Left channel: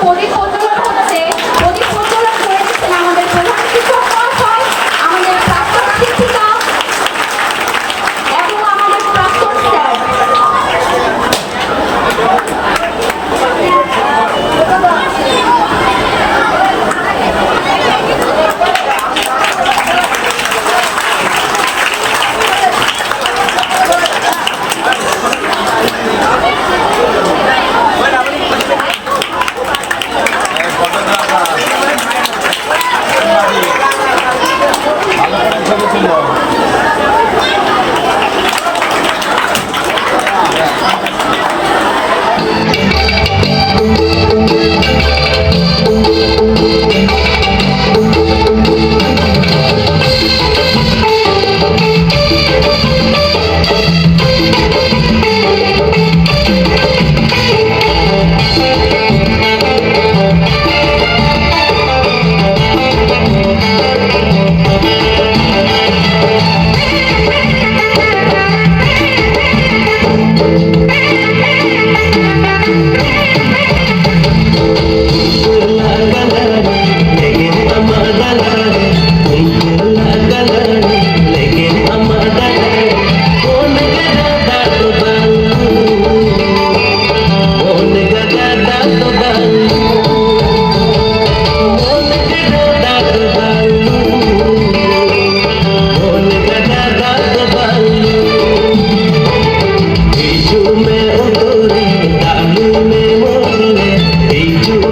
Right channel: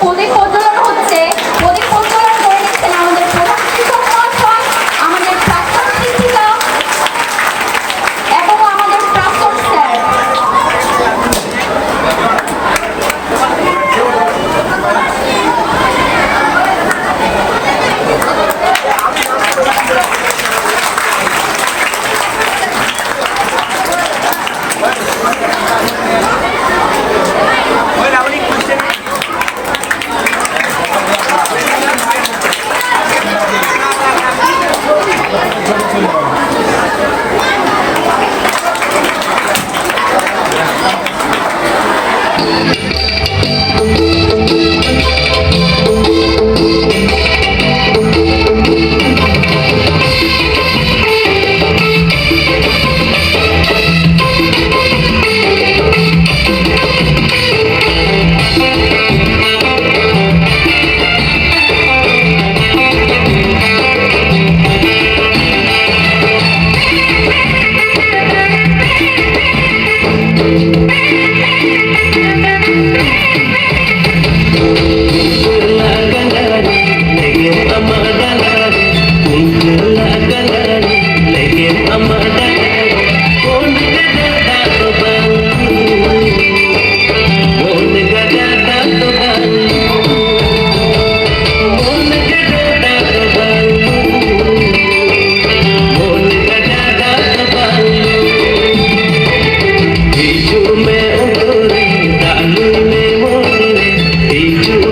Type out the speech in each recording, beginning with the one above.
প্রদীপ প্রজ্বলন হচ্ছে। প্রদীপ প্রজ্বলন করে দিচ্ছেন আমাদের প্রধান শিক্ষক মহাশয়, আমাদের প্রাক্তন শিক্ষিকা এবং আমাদের প্রাক্তন স্যার।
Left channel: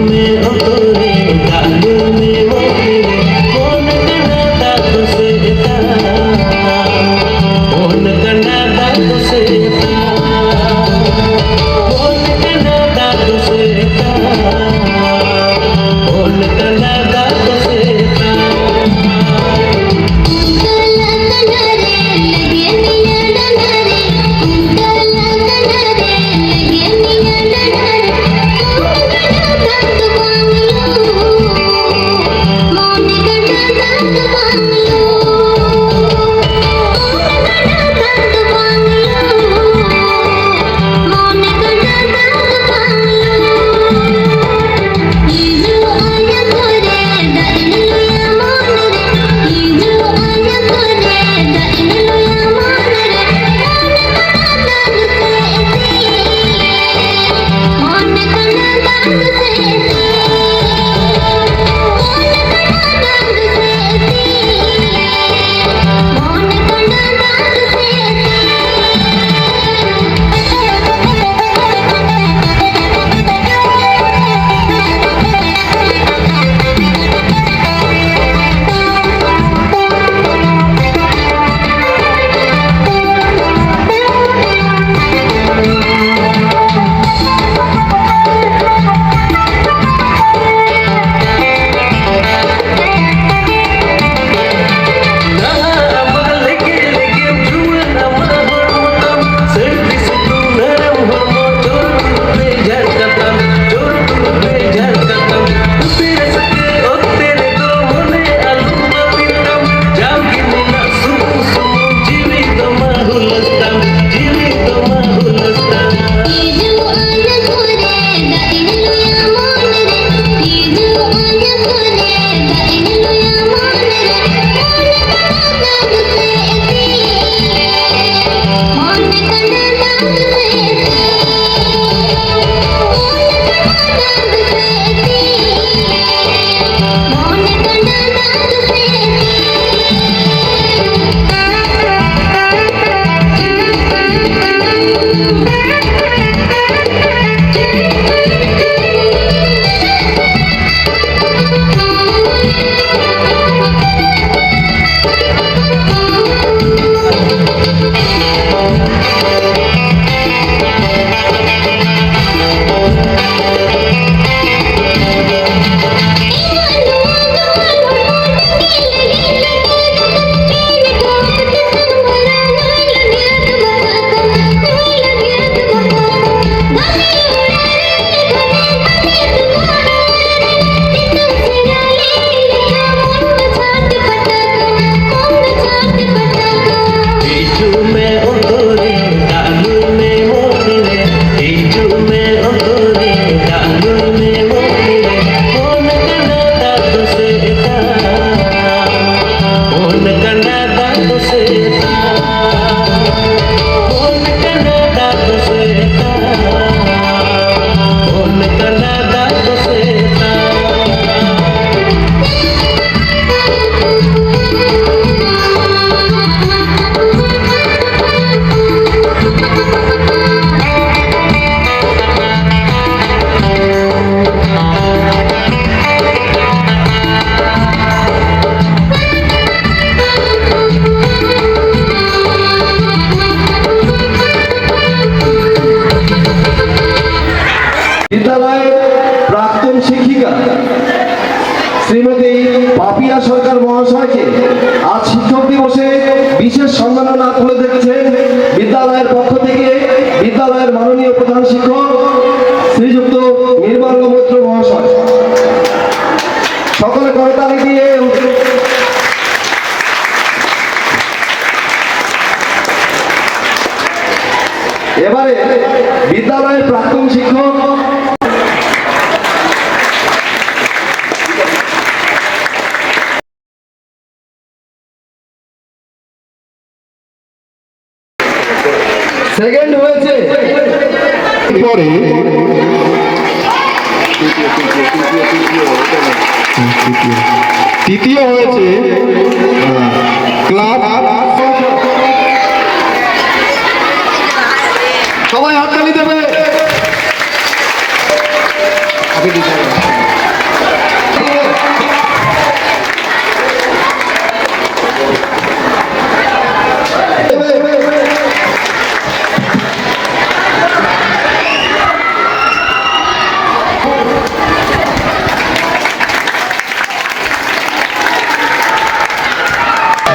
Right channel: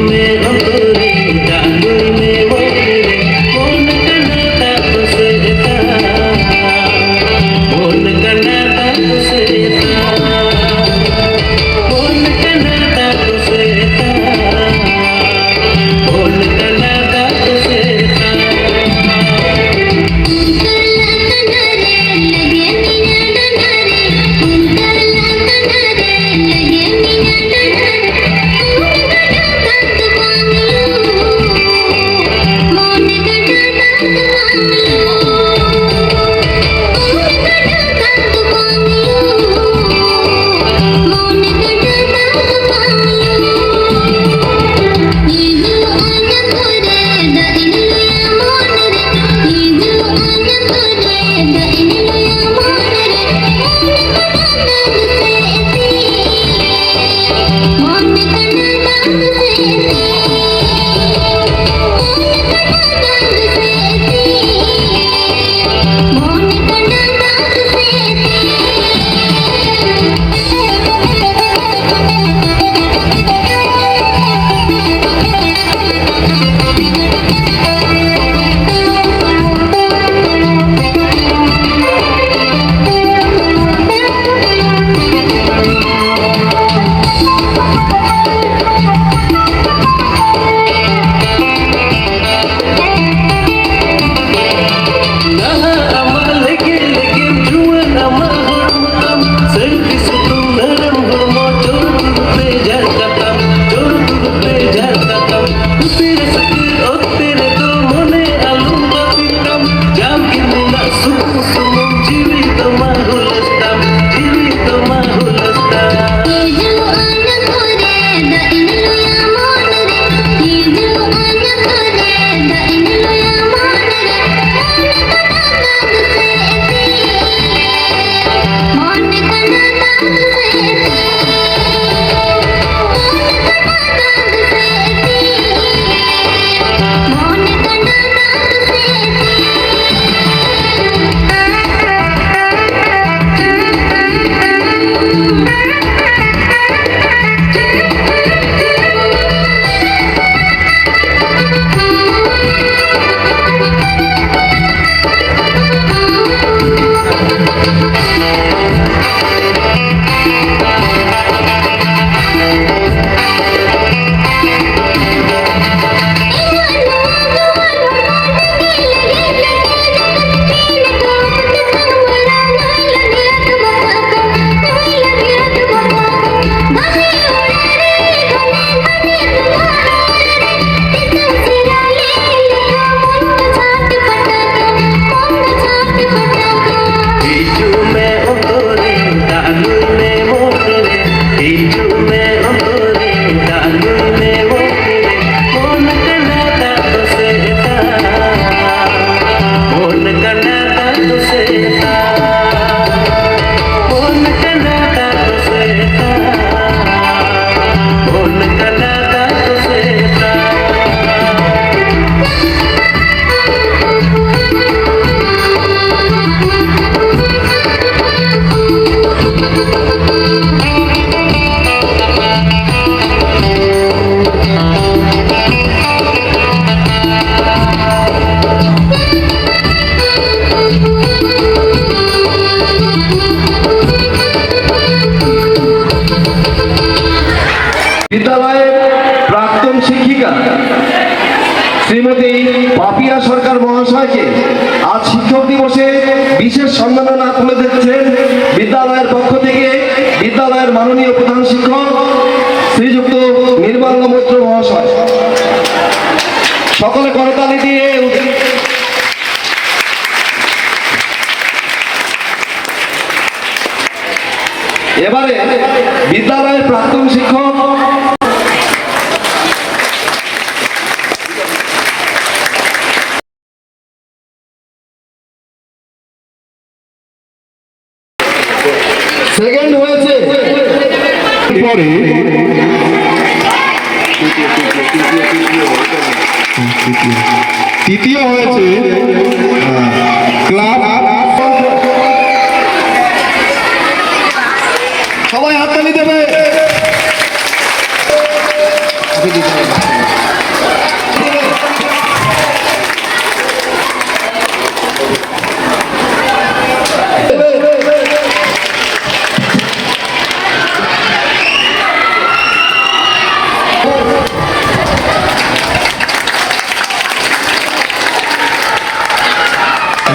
में প্রাক্তন শিক্ষিকা শ্রীমতী পাপিয়া সরকার মহাশয়কে আজ শিক্ষক দিবসে বিশেষ সম্মাননা তুলে দিচ্ছেন বিদ্যালয়ের পক্ষ থেকে বিদ্যালয়ের মাননীয় প্রধান শিক্ষক শ্রীযুক্ত নির্মল মৈত্র মহাশয়। সকলে করতালি দিয়ে এবারে বিদ্যালয়ের প্রাক্তন শিক্ষক সেকেন্ড হয়েছে পরে তৃতীয় হয়েছে ক্লাব। সবাই হাততালি দেবে।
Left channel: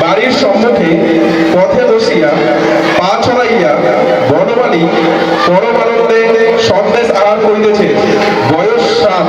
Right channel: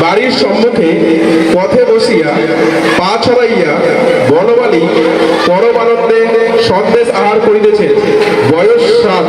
বাড়ির সম্মুখে পথে বসিয়া পা ছড়াইয়া বনমালী পরমানন্দে সন্দেশ আহার করিতেছে বয়স 7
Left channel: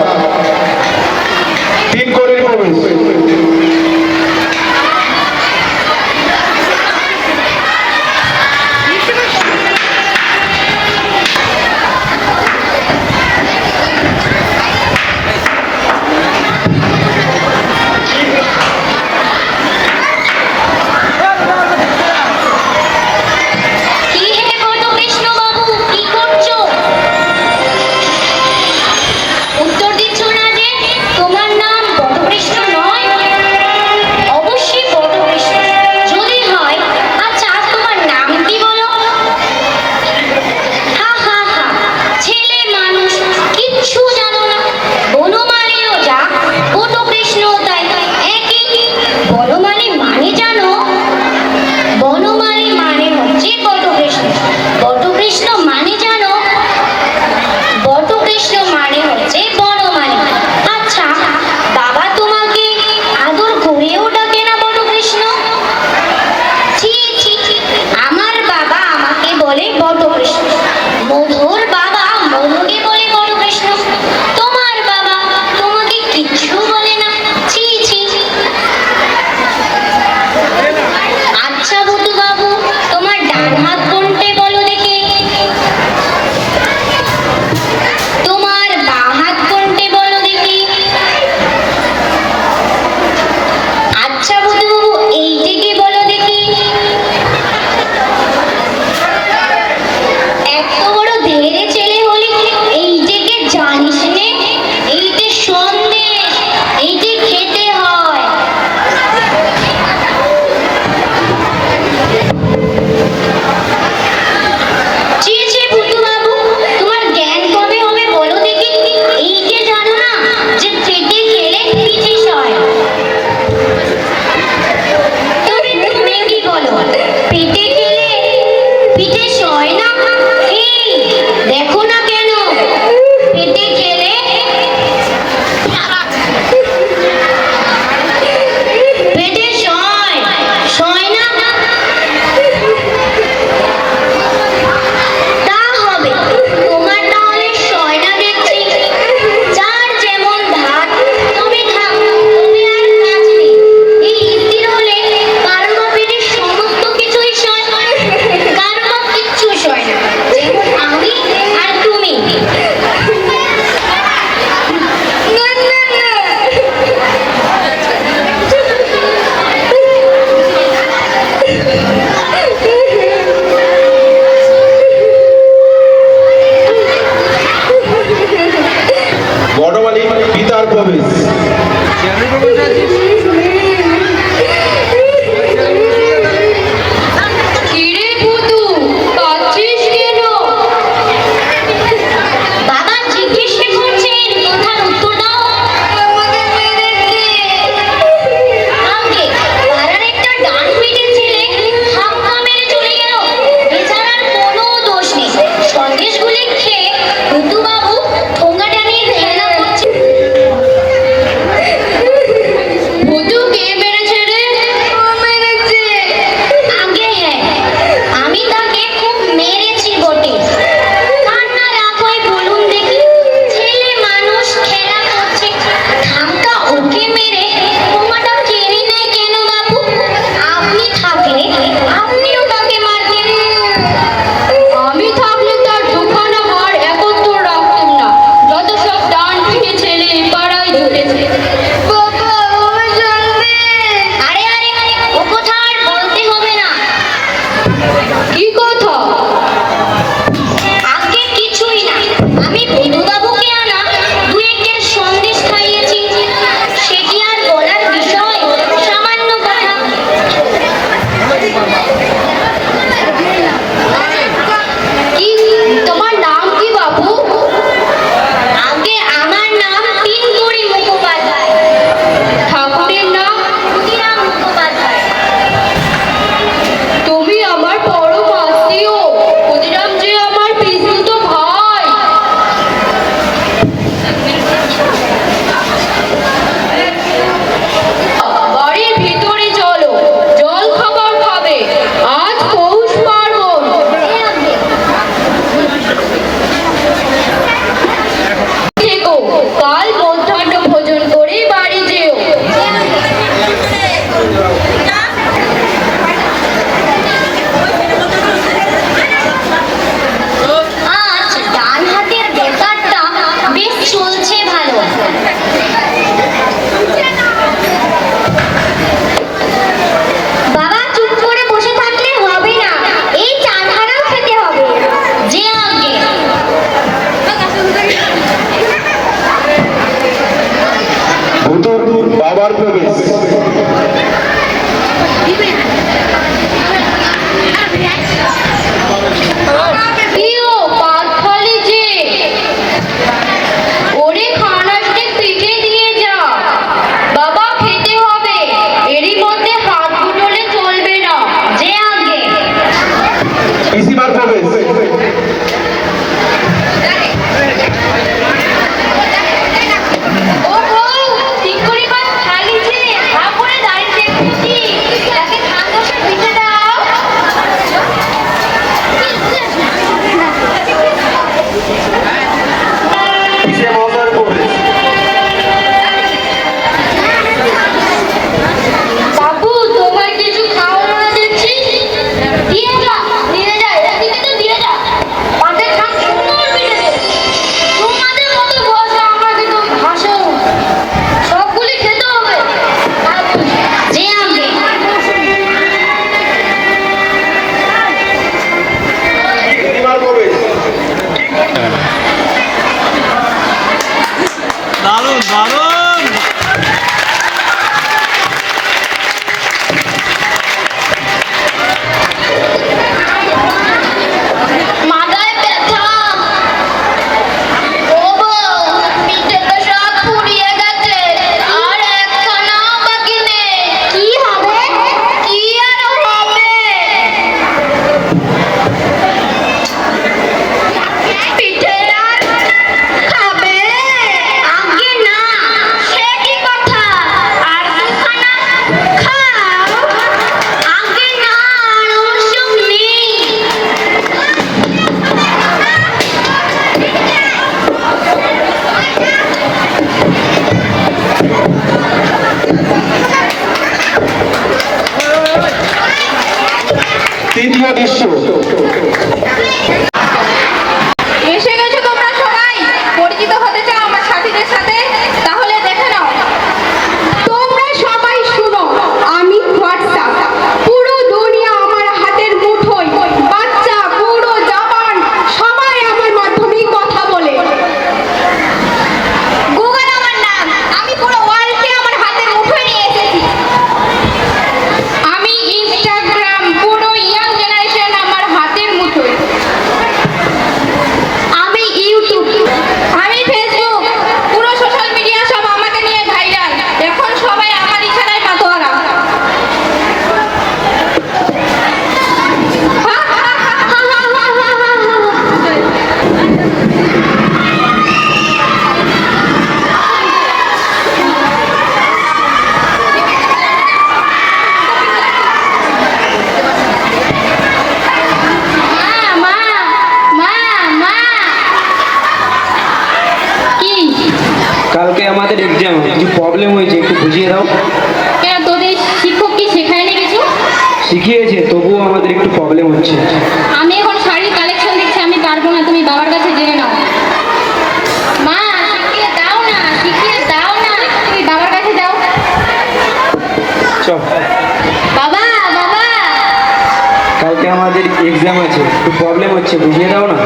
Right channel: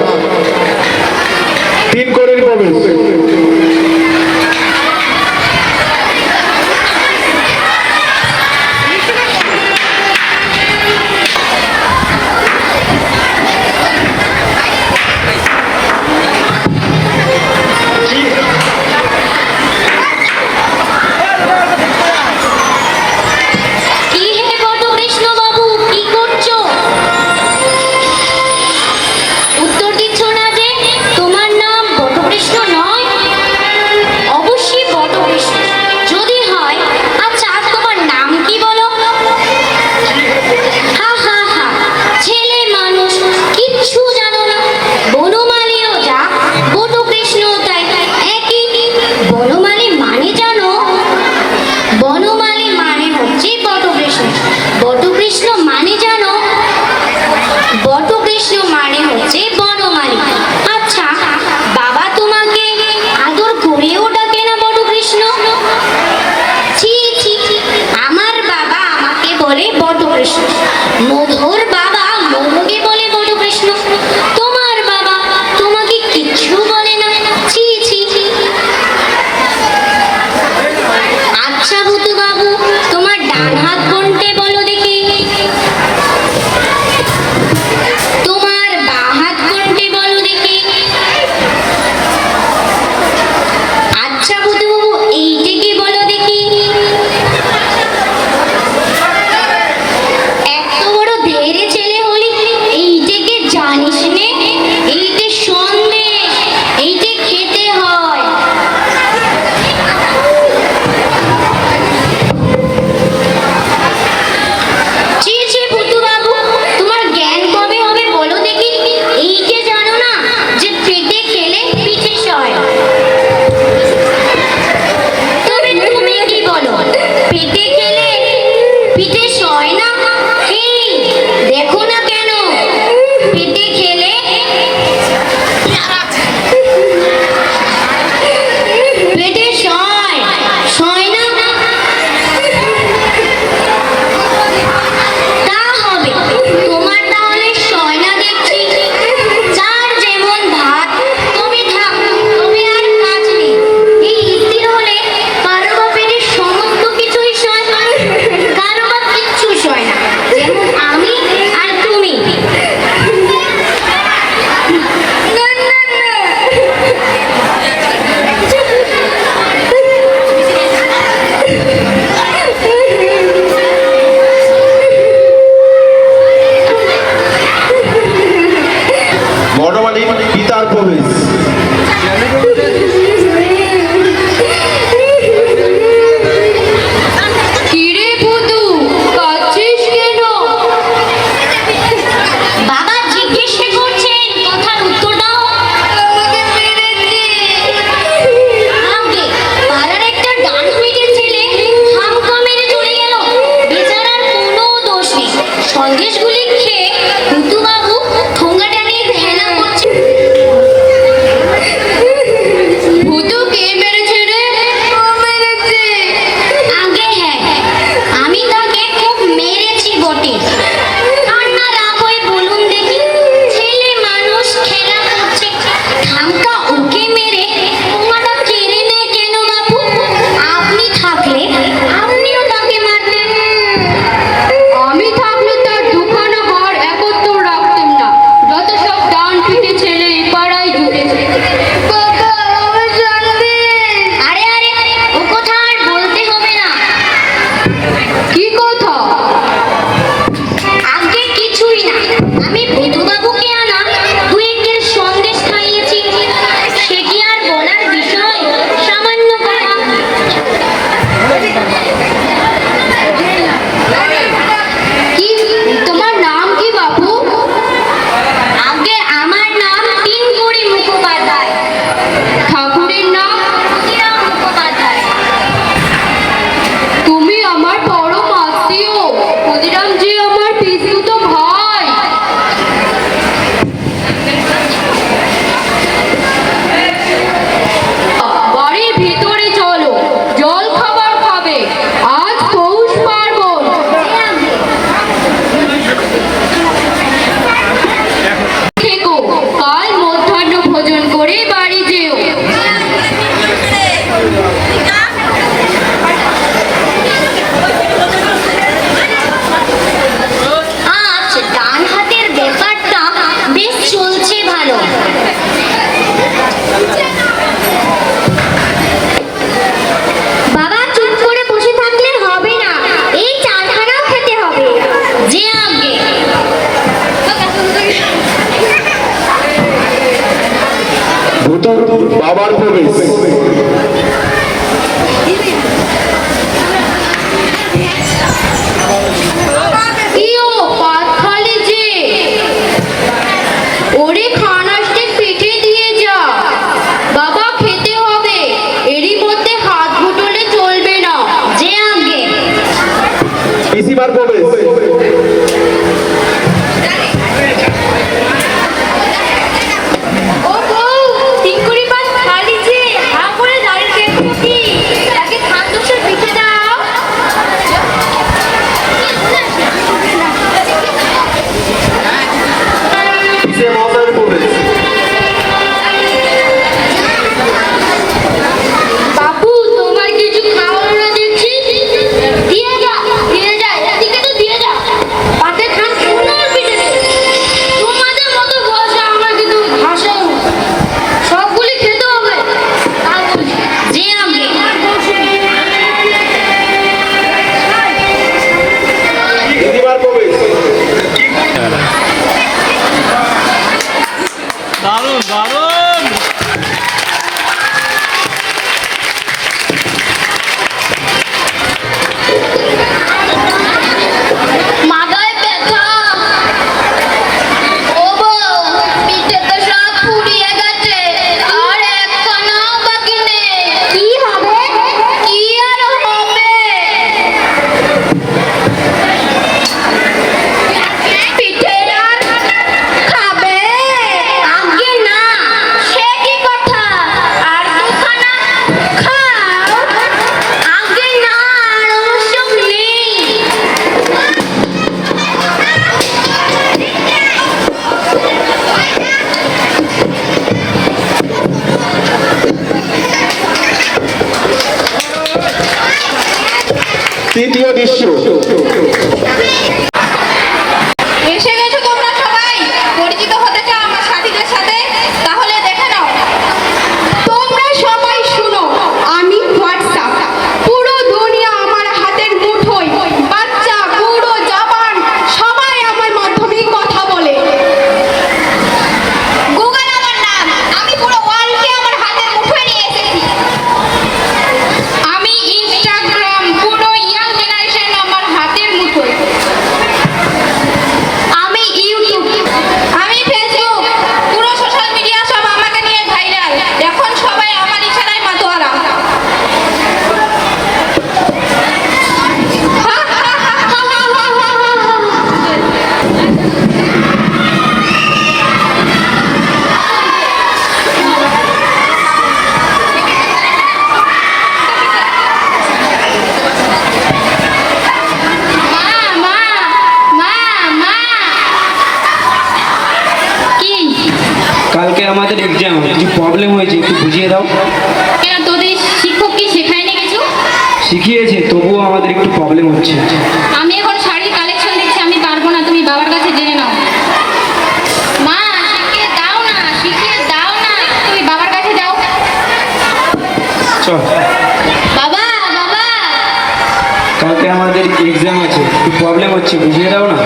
পিঠে ছেলে পাড়ায় জুটেছে। আরে আরে ও কথা আর বলতে হবে না। কি কথা? আগে কিছুই না, আমি বিধুবাবুকে আনা দু একের সন্দেশ খাইয়েছি, সেটি আর বলার বিষয়? সামান্য কথা। কি তোমার নাম কি বাপু? আগে আমার নাম তিনপুরি মুখোপাধ্যায়। ঠাকুরের নাম? ক্ষুদিরাম মুখোপাধ্যায়। তুমি আমার পরম আত্মীয়। ক্ষুদিরাম যে আমার পিসতুতো ভাই। বাড়ির ভিতরে চলো, জল খাবার খাবে। আজ পৌষ পার্বণ। থেকো, কাল মধ্যাহ্ন ভোজন করে বাড়ি যেও। আজ ডান হাতের ব্যাপারটা বেশ চলছে ভালো। বাবা চুপ করে বসে থাকলে হবে না, এই চারখানাও খেতে হবে। যে আগে ভূতুর বাবার প্রবেশ। কিও পাত খালি যে? ওরে খানাসকে পিঠে দিয়ে যা। বাবা খেতে হবে, এরই মধ্যে হাত গুটলে চলবে না। যে আগে পিসিমার প্রবেশ। ও বউ, ঠিক করে পাত খালি যে? হা করে দাঁড়িয়ে দেখছি, তাকে খানাসে পিঠে দাও। পিসিমা মশাইয়ের প্রবেশ। বাবু, তোমার কিছু খাওয়ার না দেখছি? দিয়ে যা, দিয়ে যা, এদিকে তো দিয়ে যা। পাতে খান সুন্দর পিঠে দে। তোমাদের মতো ভাষা আমার কিন্তু ভাষাও না। সবগুলি খেতে হবে। যে আগে পিসিমার প্রবেশ। দারুণ দারুণ। মাথায় ব্যথা। ও বউ, পিঠে তো সব ফুরিয়ে গেছে, আর একখানাও বাকি নেই। কি হবে? কি আর হবে? পিঠে আর খাবে? আগে না, সে কি কথা? আর দুখানা খাও। আগে না, আর ওসব নেই। তৃতীয় দৃশ্য। এসে গেছো তোমরা সবাই? পরিচিত হতে চাও আমার সাথীদের সাথে? তাহলে দেখে নাও। তোমরা সবাই শুনো, আমি হোয়াটসঅ্যাপ। পুরো দুনিয়া আমার হাতের মুঠোয়। বাচ্চা বুড়ো জওয়ান সবাই আমার মাধ্যমেই কথা বলে। গুগল আমার নাম, আমি পুরো ওয়ার্ল্ডকে আমার হাতের মুঠোয় নিয়ে এসেছি। আমি ইনস্টাগ্রাম, পুরো ইয়াং জেনারেশন আমার হাতের মুঠোয়। আমি ইউটিউব, আমি ফেসবুক, পুরো সোশ্যাল মিডিয়া সব আমাকে নিয়ে ভাইরাল। এখন সবাই আমার ইশারায় মাতোয়ারা। মা, মা, মা, মা। কি? কালকে আমাদের এক্সাম, কিছু প্রবলেম হয়েছে, একটু বুঝিয়ে দাও। কেন তোদের শিক্ষক কি শেখায়নি কিছু? শিখিয়েছে, তবুও আমাদের একটু প্রবলেম হচ্ছে। আমি এখন শাড়ির কালেকশন দিচ্ছি, আমি পারবো না, তুমি বাবার কাছে জেনে নাও। মা, শিখিয়ে দাও চল। বাবা বাবা কালকে আমাদের এক্সাম আছে, একটু প্রবলেম হচ্ছে, বুঝিয়ে দাও না।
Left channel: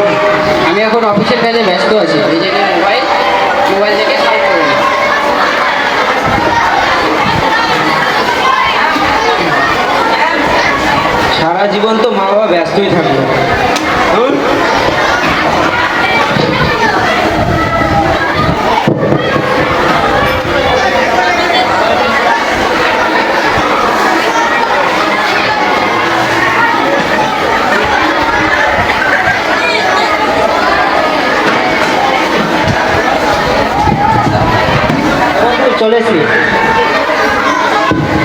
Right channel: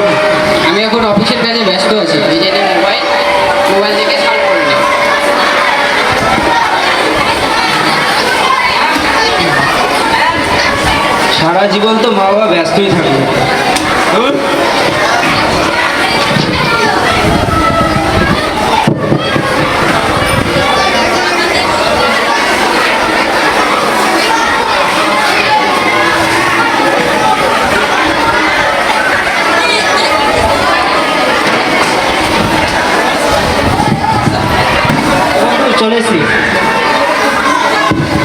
আমি এখন অফিসের কাজে ব্যস্ত আছি, নিজের মোবাইল থেকে সলভ করে নাও। সারা জীবন তো মা বাবা ব্যস্তই থাকবে। চলে এসছি।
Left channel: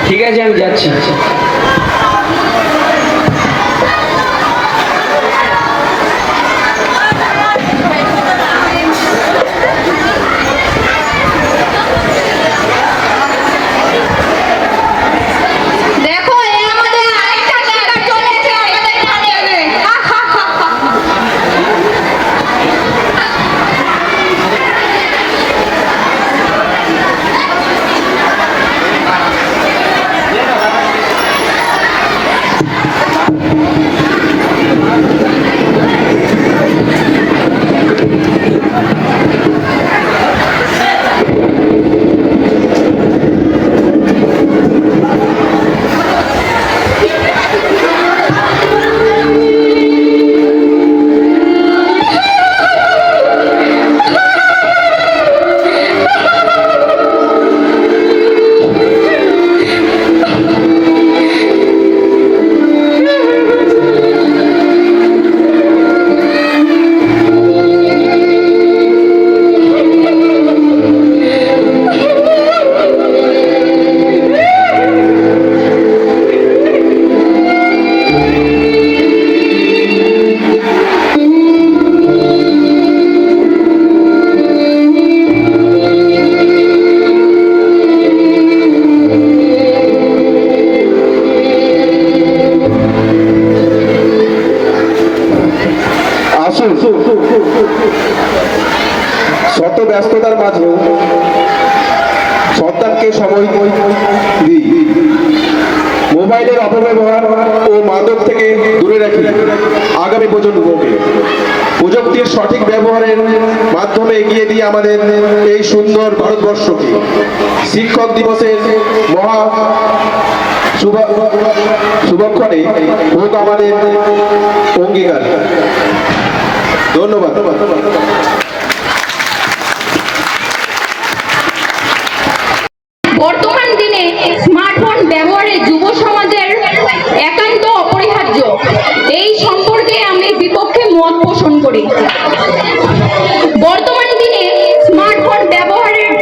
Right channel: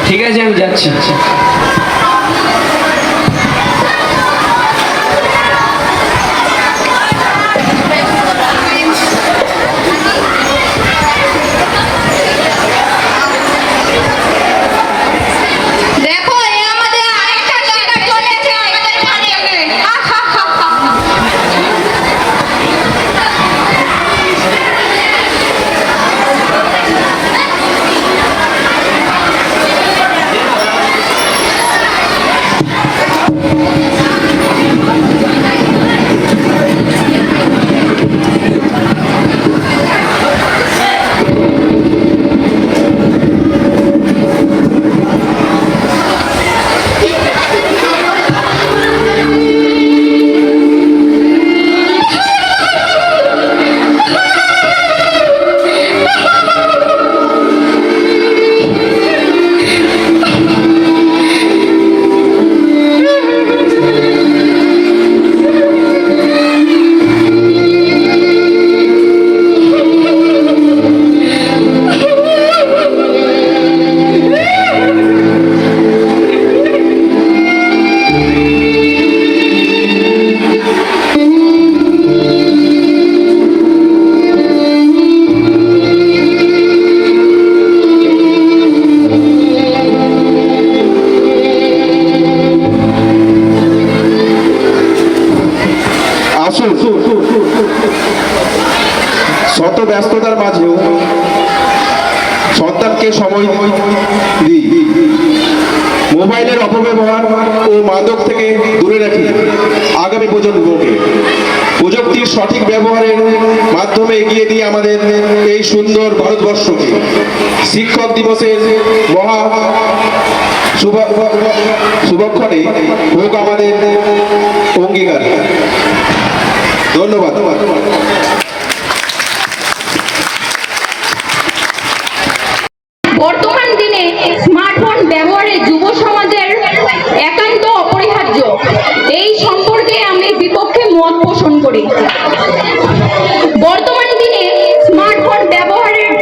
ঠিক আছে, আমি যাচ্ছি। দেখো এই আমাদের আরেকটা শিকার চলে এসেছে আমাদের ফাঁদে। হা হা হা হা। আসুন, শত ব্যস্ততার মাঝেও সন্তানকে সময় দিই। মোবাইলের অপব্যবহার ও মাদক থেকে দূরে রাখি আগামী প্রজন্মকে। প্রযুক্তির সঠিক ব্যবহারের মাধ্যমে এগিয়ে দিয়ে আমাদের এই সুন্দর ভারতবর্ষকে। শিক্ষক দিবসের মহা শুভক্ষণে হোক আমাদের অঙ্গীকার। ধন্যবাদ। বর্তমান দিনে স্মার্টফোন ব্যবহারে যুব সমাজের একান্ত অপরিহার্য। এই সম্পর্কে আমি বিপক্ষে মত পোষণ করি। বর্তমান দিনে স্মার্টফোন ব্যবহারের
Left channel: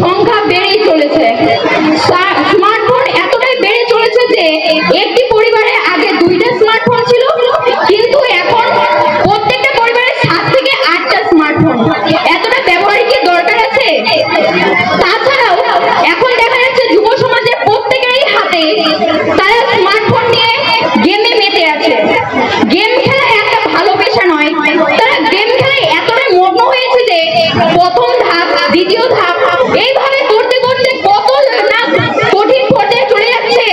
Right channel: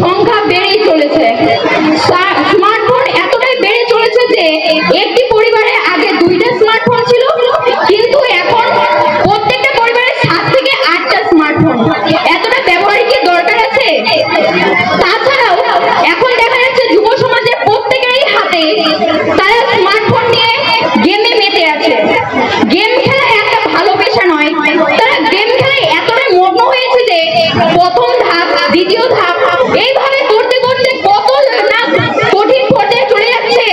সংখ্যা বেড়েই চলেছে। স্মার্টফোন এতটাই বেড়ে চলেছে যে একটি পরিবারে আগে 2টা স্মার্টফোন ছিল, কিন্তু এখন প্রত্যেকটা পরিবারে 7 থেকে 8টা স্মার্টফোন। এতটা ব্যবহারের কি দরকার আছে? তাছাড়াও এখন দেখা যাচ্ছে যুব সমাজের প্রত্যেকেরই হাতে তারা স্মার্টফোন নিয়ে গেমে মেতে আছে। গেম খেলা একটা ভালো পেশা নয়, তারা গেম খেলায় এতটাই মগ্ন হয়েছে যে প্রথম ধাপ, দ্বিতীয় ধাপ এইভাবে করতে করতে কত না কঠিন পর্যায়ে চলে যাচ্ছে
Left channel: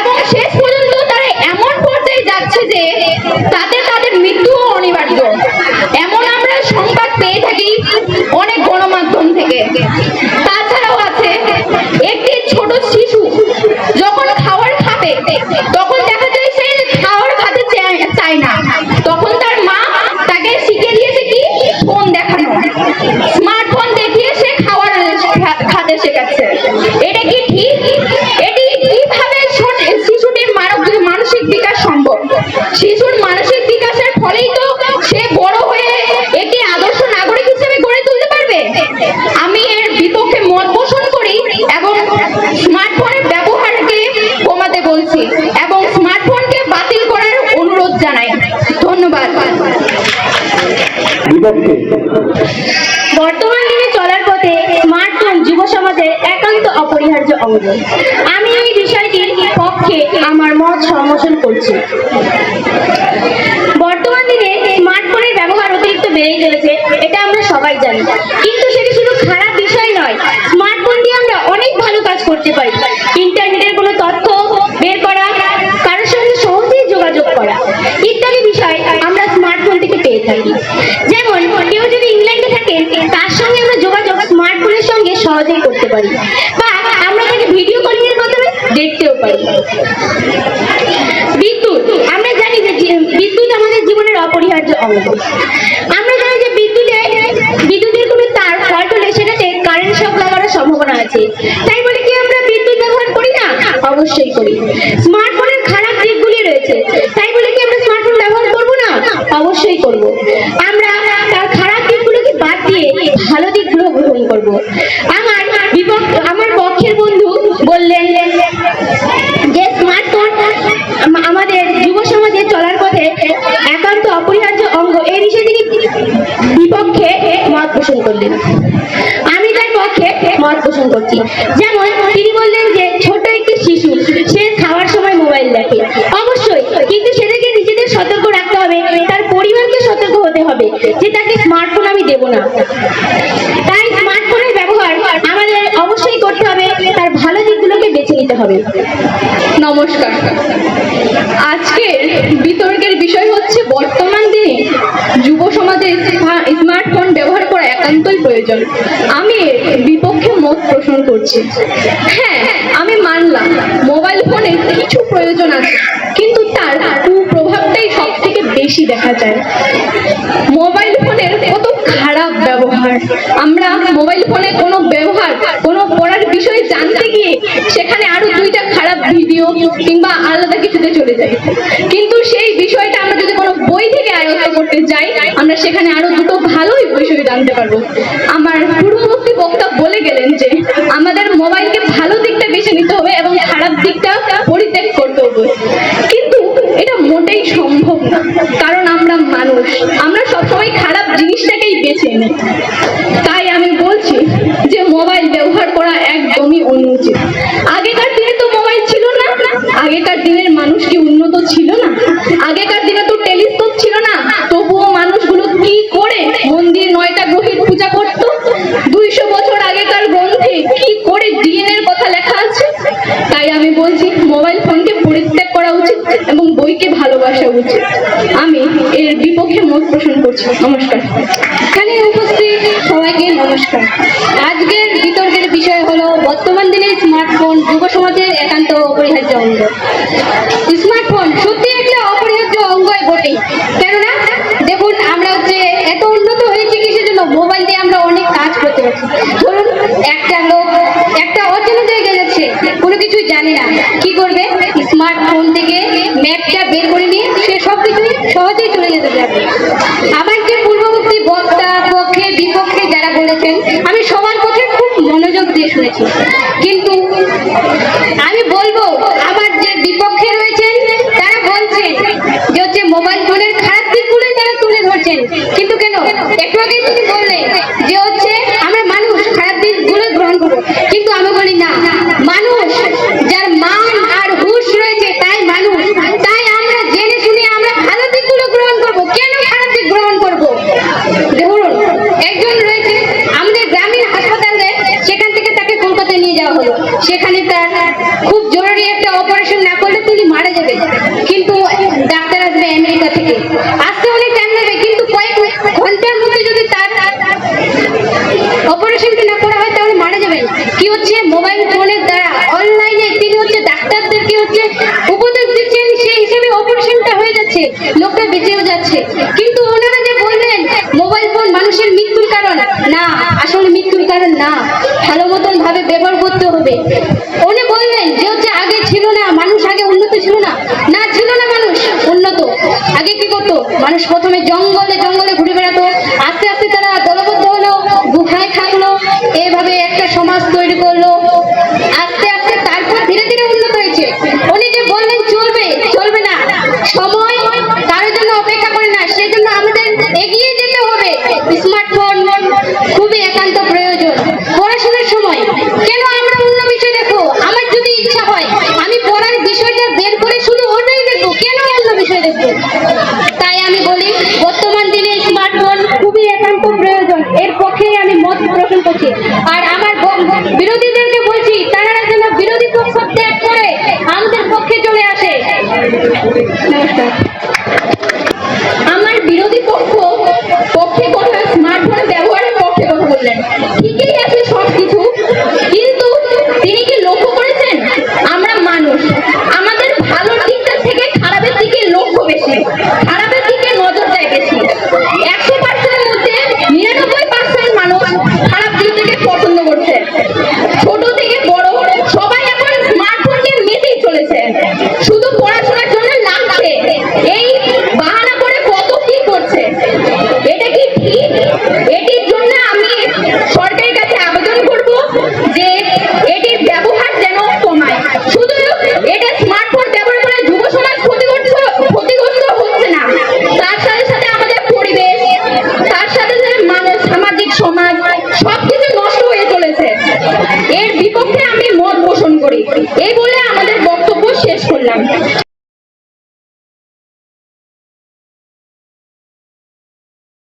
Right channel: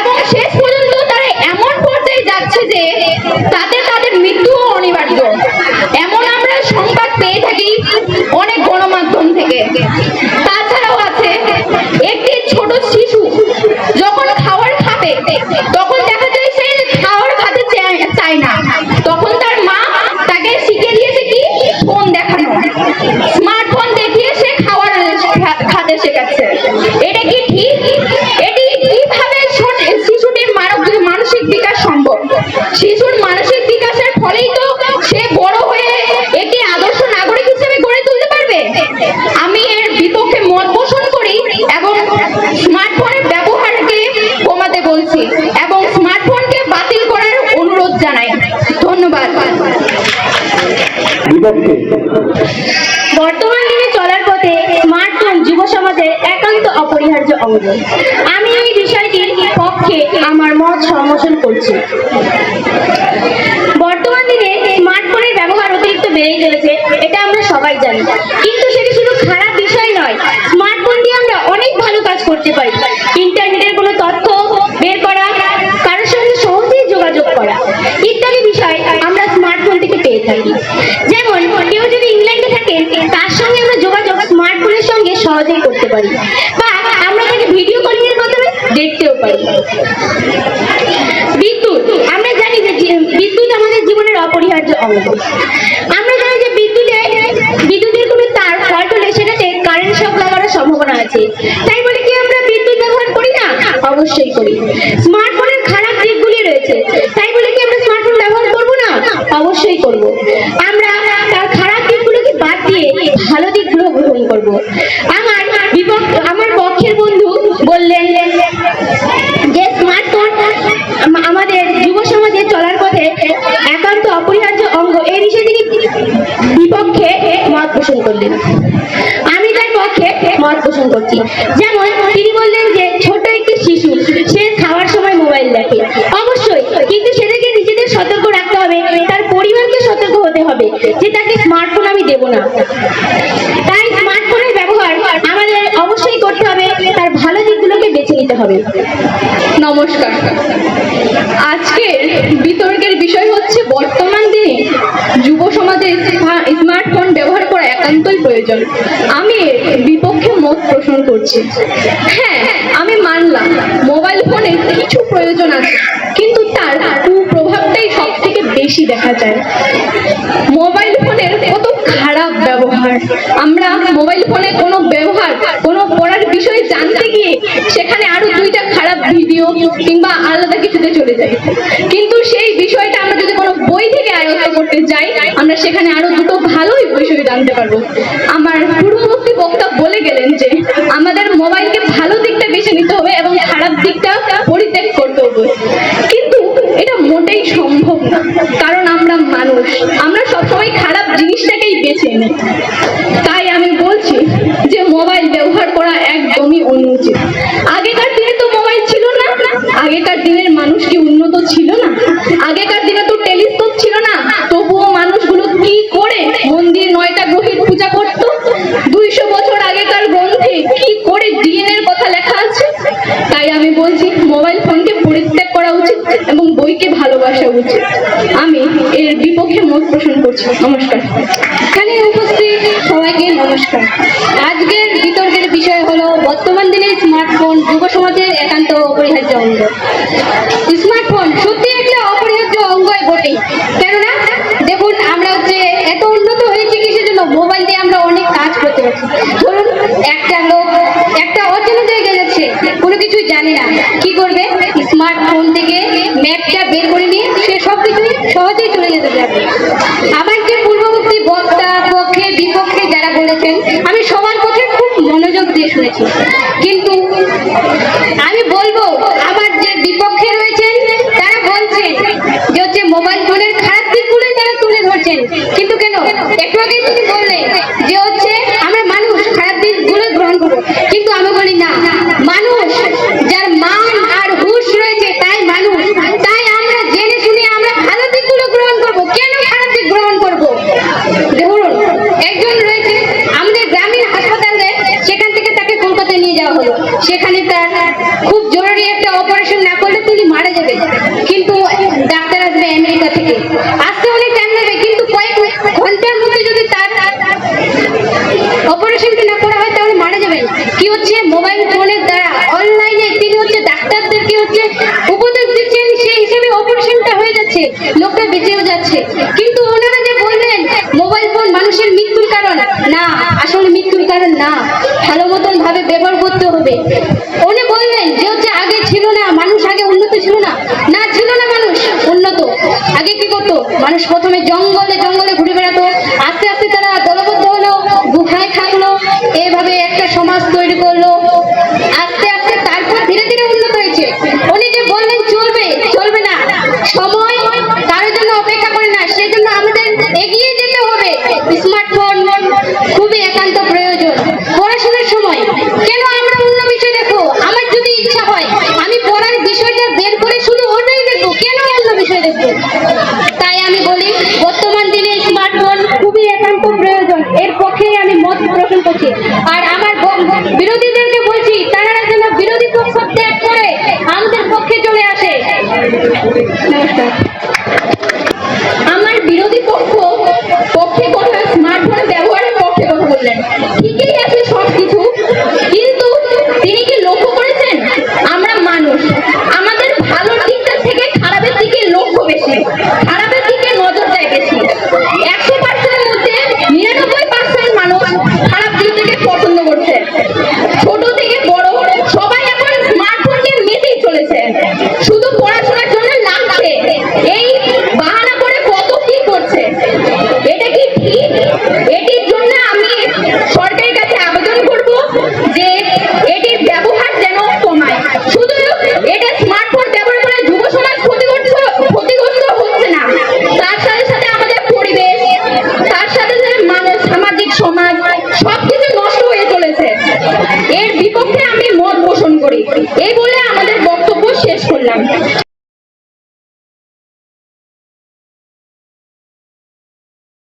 এবং শেষ পর্যন্ত তারা এমন পর্যায়ে যাচ্ছে যে তাদের মৃত্যুও অনিবার্য। এমন আমরা সংবাদ পেয়ে থাকি অনেক গণমাধ্যম থেকে। তাছাড়াও আছে একটি ছোট শিশু যখন খাবার খাবে তখন দেখা যায় সে খাবার খেতে চায় না, তখন তার মা তাকে শিখিয়ে দিয়েছে কি ফোন দেখানো। স্মার্টফোন দেখিয়ে সে খাবার খেতে শেখাচ্ছে। এটা কি ঠিক? এটি কিভাবে শিশুটির মানসিক বিকাশ সম্ভব? শিশুর মানসিক বিকাশের ফলেই তো সে বড় হয়ে একটি আদর্শ নাগরিক হিসেবে গড়ে তুলতে পারবে। আমি এর বিপক্ষে মত পোষণ করি এবং স্মার্টফোনের ব্যবহারকে কমাতে বলছি এবং স্মার্টফোনকে বাতিল করার অনুরোধ জানাই। ধন্যবাদ। বর্তমান দিনে চলার পথে স্মার্টফোন যুব সমাজের একান্ত অপরিহার্য অঙ্গ। আমি এই বিষয়টির পক্ষে আমার মত সমর্থন করছি। বর্তমান দিনে স্মার্টফোনের ব্যবহার অতিরিক্ত বেড়েই চলেছে, এটা আমরা সবাই জানি, কিন্তু সেটি শুধু খারাপ বিষয় নয়। স্মার্টফোন দিয়ে আমরা অনেক ভালো কাজ করতে পারি। ইন্টারনেটের কোনো তথ্য বের করা, কারোর সঙ্গে সহজেই যোগাযোগ করা ইত্যাদি বিষয় আমরা স্মার্টফোন থেকে পেয়ে থাকি। যেমন কেউ যদি ইংল্যান্ডে থাকে, তার সঙ্গে আমরা যোগাযোগ স্মার্টফোনের সঙ্গে সহজেই করতে পারি, বা আমরা তাকে ভিডিও কলিং এর মাধ্যমে দেখতেও পারি। বিদ্যুৎ, আমরা জানি যে বিদ্যুৎ আমাদের জীবনের অপরিহার্য অঙ্গ। আমরা জানি যে বিদ্যুতের কোনো তার ফল্ট হলে সেটাতে কারেন্ট শক লাগানোর সম্ভাবনা আছে। তাই বলে কি আমরা বিদ্যুৎ ব্যবহার করি না? অবশ্যই করি। স্মার্টফোনের খারাপ দিকগুলি রয়েছে, তাই বলে কি আমরা স্মার্টফোন ব্যবহার করব না? অবশ্যই করব। আমরা তার খারাপ দিকগুলোকে বাদ দিয়ে ভালো দিকগুলো গ্রহণ করব। আমার পক্ষের বন্ধু বললেন যে স্মার্টফোন আমাদের যুব সমাজে চলার পথে একান্ত অপরিহার্য অঙ্গ। এই বিষয়ে তিনি বিপক্ষে মত পোষণ করলেন, আমি তার পক্ষে মত পোষণ করছি। যেমন তিনি বললেন যে ছোট একটি শিশু সে খাওয়ার সময় মোবাইল দেখে, অবশ্যই, কিন্তু সেটাকে নিজেদের সতর্ক রাখতে হবে, তার পরিবারকে সতর্ক হতে হবে যে তাকে স্মার্টফোন আমি দেব না। তাই স্মার্টফোনের ব্যবহার আমাদের অবশ্যই করতে হবে, তার ভালো দিকগুলোকে বেছে নিতে হবে। নমস্কার। আজকের বিতর্কের বিষয় হচ্ছে বর্তমান দিনে যুব সমাজে স্মার্টফোন ব্যবহার করা একান্তই প্রয়োজন। আমি এর বিপক্ষে মত পোষণ করছি। হ্যাঁ, আমি মানলাম মোবাইল ফোনের কিছু প্রয়োজন আছে, কিন্তু তার কুপ্রভাবটাই সব থেকে বেশি দেখা যায়। মোবাইল ফোনের কত খারাপ ব্যবহার। আমরা মোবাইল ফোনে কোনো ব্যবহার, কোনো পড়ার বিষয়ে জানতে গিয়ে সেখানে আরো দুইটা খারাপ ভিডিও কিংবা আলাদা কিছুতে চলে যাই, কিন্তু সেই বিষয়টা আমরা যদি কোনো বই থেকে আয়ত্ত করতে যাই, আমরা সেখানে আরো দুটো ভালোই বিষয় জানতে পারবো। আমার পূর্ববর্তী বক্তা বলে গেলেন যে আমাদের মোবাইলকে ভালো দিকটা বেছে নিতে হবে এবং খারাপ দিকটা পরিত্যাগ করতে হবে, কিন্তু এটা মোটেই সম্ভব না, কারণ আমরা মানুষ, আমরা সবসময় খারাপ জিনিসটাকেই বেছে নিই। তাই আমি বলছি যে মোবাইল ব্যবহার করা একদমই অনুচিত। আগেকার দিনে তো মোবাইল ছিল না, আগেকার দিনের মানুষ কি উন্নত ছিল না? আগেকার দিনে তো টেলিস্কোপ ছিল না, তবুও মানুষগুলো কি করে মন্দির 9টা গ্রহের পূজা করত? 200 বছর আগেকার গ্রন্থে কি করে ডিএনএ এর কথা লেখা আছে। তাই আমি বলছি মোবাইল ফোনকে পরিত্যাগ করা উচিত এবং বইকে ভালোবাসা উচিত। আমি এর বিপক্ষে মত পোষণ করছি। নমস্কার। এখানে উপস্থিত সবাইকে নমস্কার। আজকের বিতর্কের বিষয় হলো বর্তমান দিনে স্মার্টফোন যুব সমাজের একান্ত অপরিহার্য অঙ্গ। স্মার্টফোন সত্যি একটা অপরিহার্য অঙ্গই বটে, কেননা দেখুন আমরা এত উন্নত হয়েছে কিসের জন্য? মোবাইল দিয়ে আমরা অনেক কাজ করতে পারছি। ধরুন একটা লোক একটা অচেনা জায়গায় যাচ্ছে, কোনো কিছুই জানে না, কি করবে? স্মার্টফোন থেকে ম্যাপটা বের করে নিয়ে সে সবকিছু সহজেই চলে যেতে পারবে। আমার যে পূর্ববর্তী বক্তা পক্ষে বিপক্ষে যারা বলেছেন, আমি সবার কথা খুব মনোযোগ দিয়ে শুনেছি, কিন্তু আমি বলবো আমার যে বিপক্ষে রয়েছেন তারা বলছেন যে মোবাইল ফোনের খারাপ দিকগুলোই তারা তুলে ধরছেন, কিন্তু কেন? একটু আগে তিনি বললেন যে আমরা মানুষ, খারাপ দিকগুলো গ্রহণ করবো, কিন্তু আমি বলি না, মানুষ যার মান আর হুঁশ রয়েছে তাই মানুষ, তাই আমরা জেনে শুনে আমরা ভালো দিকগুলো গ্রহণ করবো, কেন খারাপ দিক গ্রহণ করবো? ধরুন একজন রয়েছে আমাদের গ্রামীণ হাসপাতালে, সেখান থেকে তাকে কলকাতায় নিয়ে যাওয়া হলো, সেখানে তার খুব জরুরি একটা অপারেশন না করলে তিনি মারা যাবেন, কিন্তু ডাক্তার আসবে আমেরিকা থেকে, আসতে অনেক টাইম লাগবে, কিন্তু কয়েক ঘন্টার মধ্যে যদি তার অপারেশনটা না করা হয় তাহলে মারা যাবেন। কি হচ্ছে? মোবাইল ফোনের দ্বারা অনলাইনে তিনি ডাক্তারদেরকে উপদেশ দিচ্ছেন, সেই হিসেবে অপারেশনটা হয়ে যাচ্ছে, লোকটা বেঁচেও যাচ্ছে। কিন্তু ওনারা যে বললেন মোবাইল ফোন মানুষের মৃত্যুর কারণ, না, আসলে মৃত্যুর কারণ না, ভালো মতন ভাবে ব্যবহার করতে হবে। উনি বললেন যে আগে ছিল না মানুষ, আগে উন্নত ছিল না, না ছিল না মানুষ উন্নত। আগে কি করতো মানুষ? প্রথমে জঙ্গলে জঙ্গলে ঘুরে বেড়াতো, আস্তে আস্তে তারা দলবদ্ধ হলো, গুহায় থাকলো, এভাবে একটা সমাজ তৈরি করলো,